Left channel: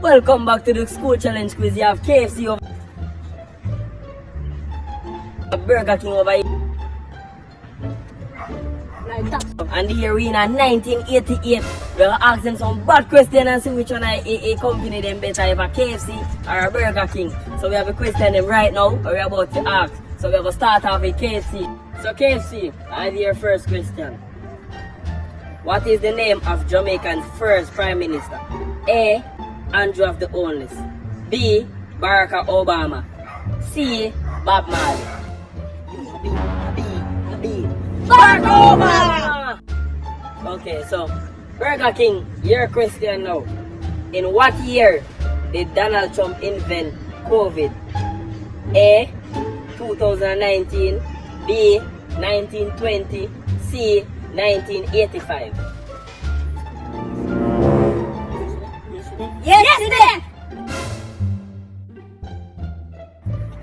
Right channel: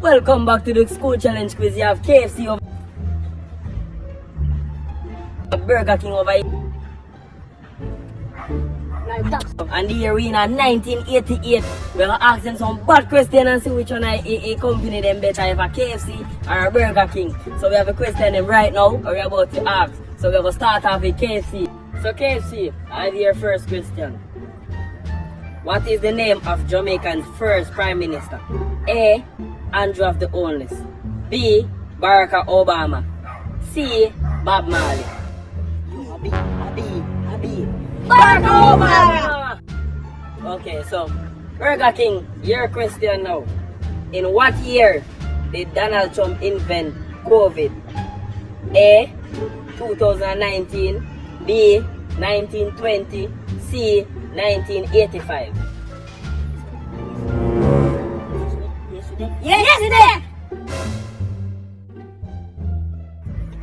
Welcome back to the school challenge quiz. You have KFC over Burger King over here. And the arena 1988. We are asking some bad questions and see which one a company them better, if a KFC or a Burger King. So we have a question right now we're about to ask. So we're going to start off with KFC. So KFC, I have your first question. What is the name of Jamaican's first Prime Minister? A. Andrew of the Oldest. B. Barack Obama. C. Bob Marley. Barack Obama! Okay, so Burger King, your question now. In what year did Donald Trump invent COVID? A. 2019. B. 1920. C. 1985. Yesterday!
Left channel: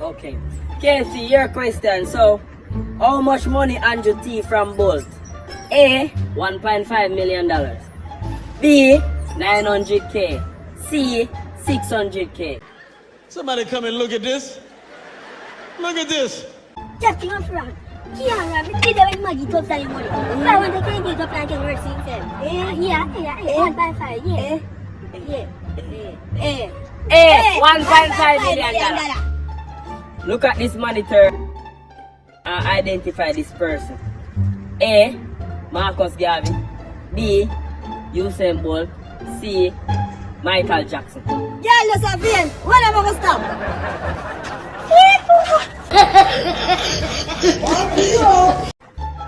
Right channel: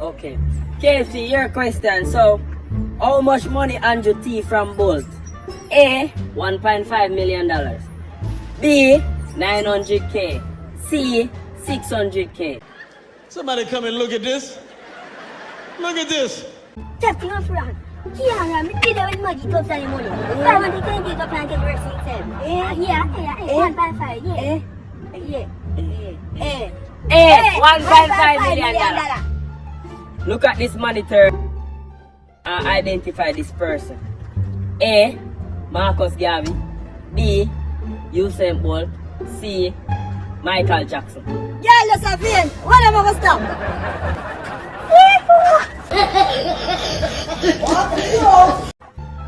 Okay. Casey, your question. So, how much money Andrew T from Bolt? A. $1.5 million. B. 900K. C. 600K. Somebody come and look at this. Look at this. Just your friend. Kiara, me did it with Maggie to say money. I want to take it up and get work since then. Yeah, 1.5, yeah. A. $1.5 million. Look at this monitor and identify this person. A. Marcus Garvey. B. Usain Bolt. C. Michael Jackson. Yeah, let's have him. When am I going to stop?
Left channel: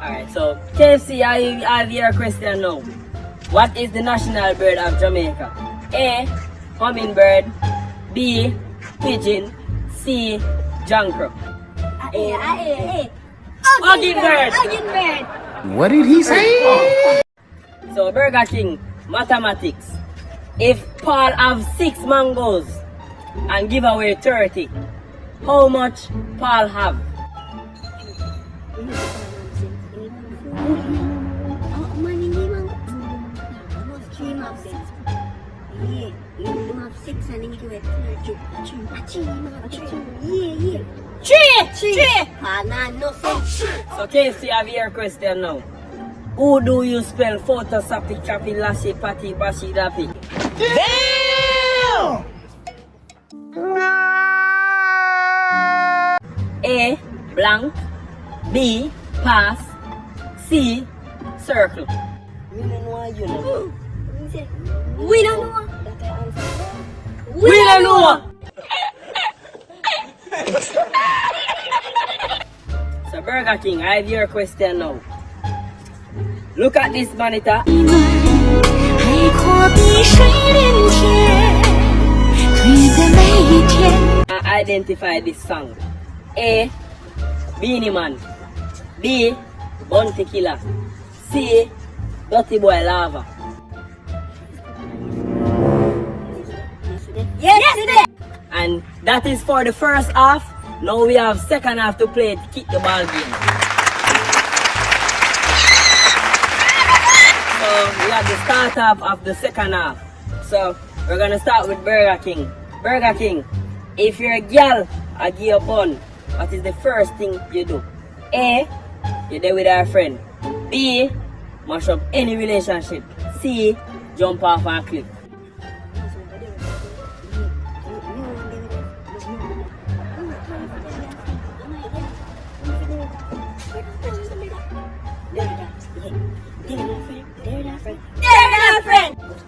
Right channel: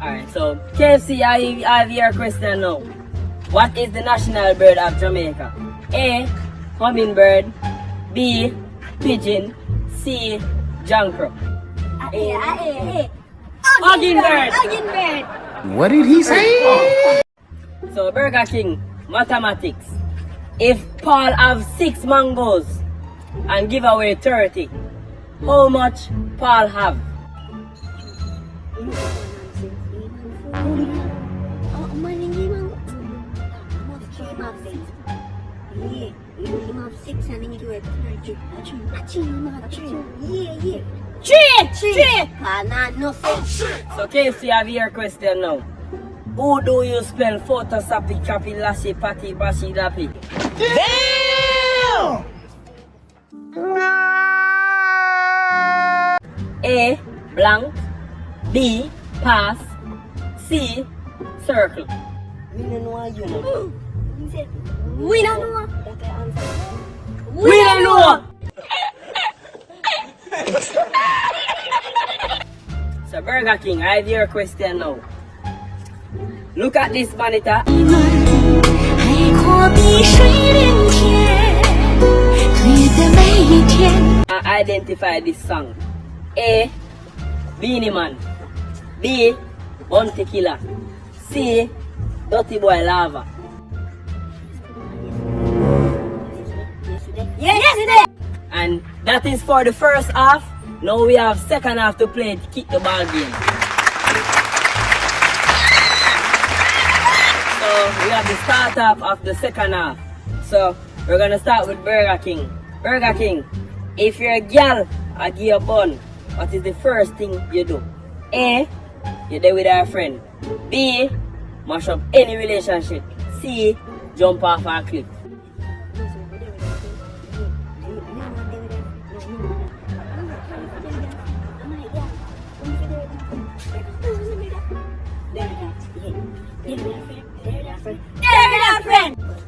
Alright, so KFC, I have your question now. What is the national bird of Jamaica? A. Hummingbird. B. Pigeon. C. Jankro. Hummingbird. What did he say? So Burger King, mathematics. If Paul have 6 mangoes and give away 30, how much Paul have? Three. So KFC, have your question now. Who do you spell photo sappy chappy lashy patty bashi lappy? Damn! A. Blank. B. Pass. C. Circle. We don't know. We don't know. So Burger King, I have your question now. Look at this monitor and identify this song. A. Beanie Man. B. Bounty Killer. C. Dirty Boy Lava. Yesterday! And that is for the first half. Now we have second half to play to kick the ball game. So we have the start half of the second half. So we're gonna start with Burger King. Burger King, if you're a girl, I give you a bun. What is the first thing you do? A. You're there with her friend. B. Mash up any relationship. C. Jump off a cliff.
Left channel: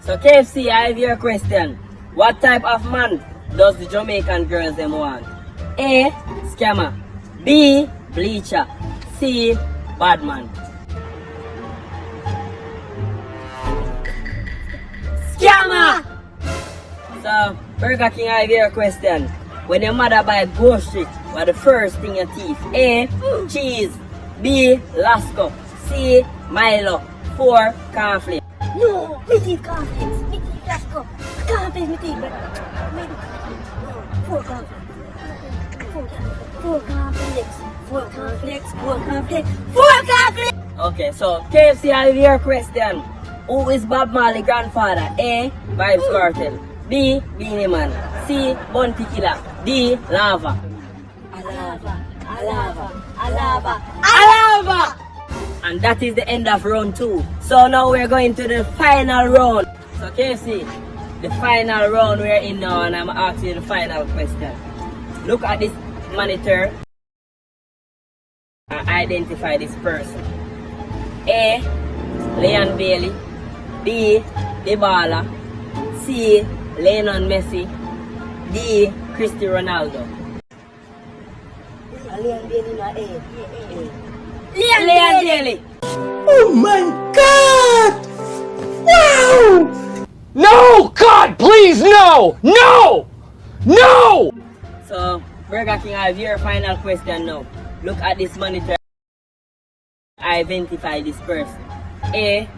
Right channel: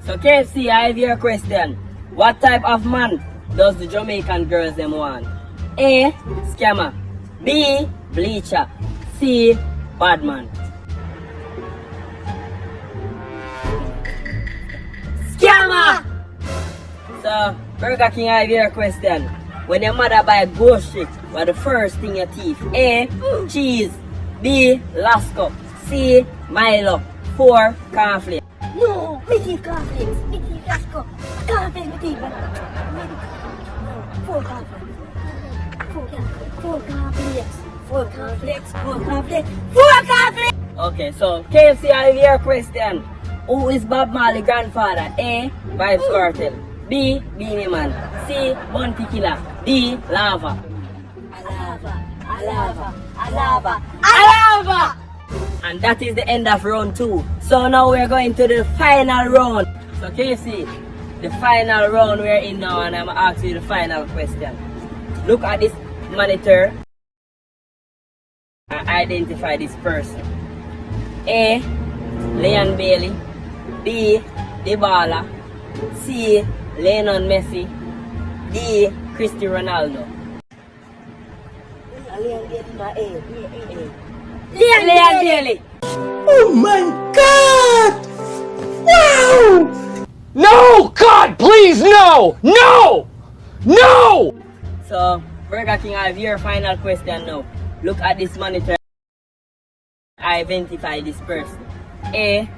So KFC, I have your question. What type of man does the Jamaican girls them want? A. Scammer. B. Bleacher. C. Badman. Scammer! So Burger King, I have your question. When your mother buy bullshit, what the first thing you teeth? A. Cheese. B. Lasco. C. Milo. 4. Cornflakes. No, we take conflicts. We take Lasco. Conflicts, we take them. 4 conflicts. 4 conflicts. 4 conflicts. 4 conflicts. 4 conflicts! Okay, so KFC, I have your question. Who is Bob Marley's grandfather? A. Vybz Kartel. B. Beanie Man. C. Bounty Killer. D. Lava. Alava! And that is the end of round 2. So now we're going to the final round. So KC, the final round we're in now, and I'm asking you the final question. Look at this monitor and identify this person. A. Leon Bailey. B. Dybala. C. Lionel Messi. D. Cristiano Ronaldo. Leon Bailey. Oh my God! Wow! No! God, please, no! No! No! So, Burger King, I have your final question now. Look at this monitor. Identify this person. A.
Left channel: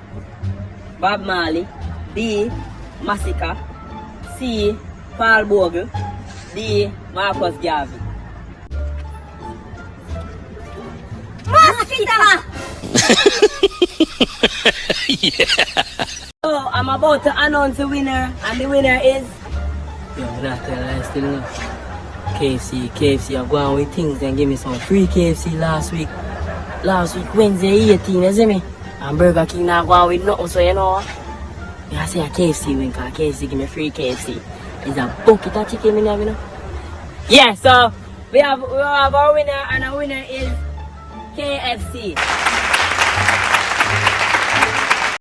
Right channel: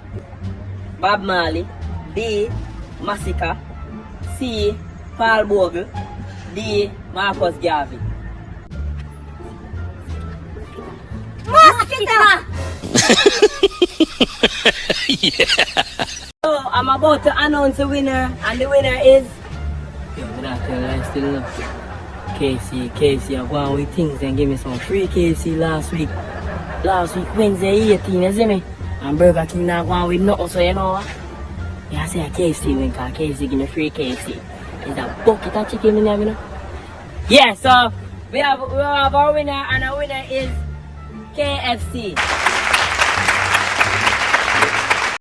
Bob Marley. B. Massacre. C. Paul Bogle. D. Marcus Garvey. So, I'm about to announce the winner, and the winner is... KFC, I'm going with things and give me some free KFC last week. Last week, Wednesday 18, you see me? And Burger King now going with nothing, so you know. I say a KFC win, because KFC give me free KFC. There's a bucket of chicken in there, you know? Yeah, so we have our winner, and our winner is KFC.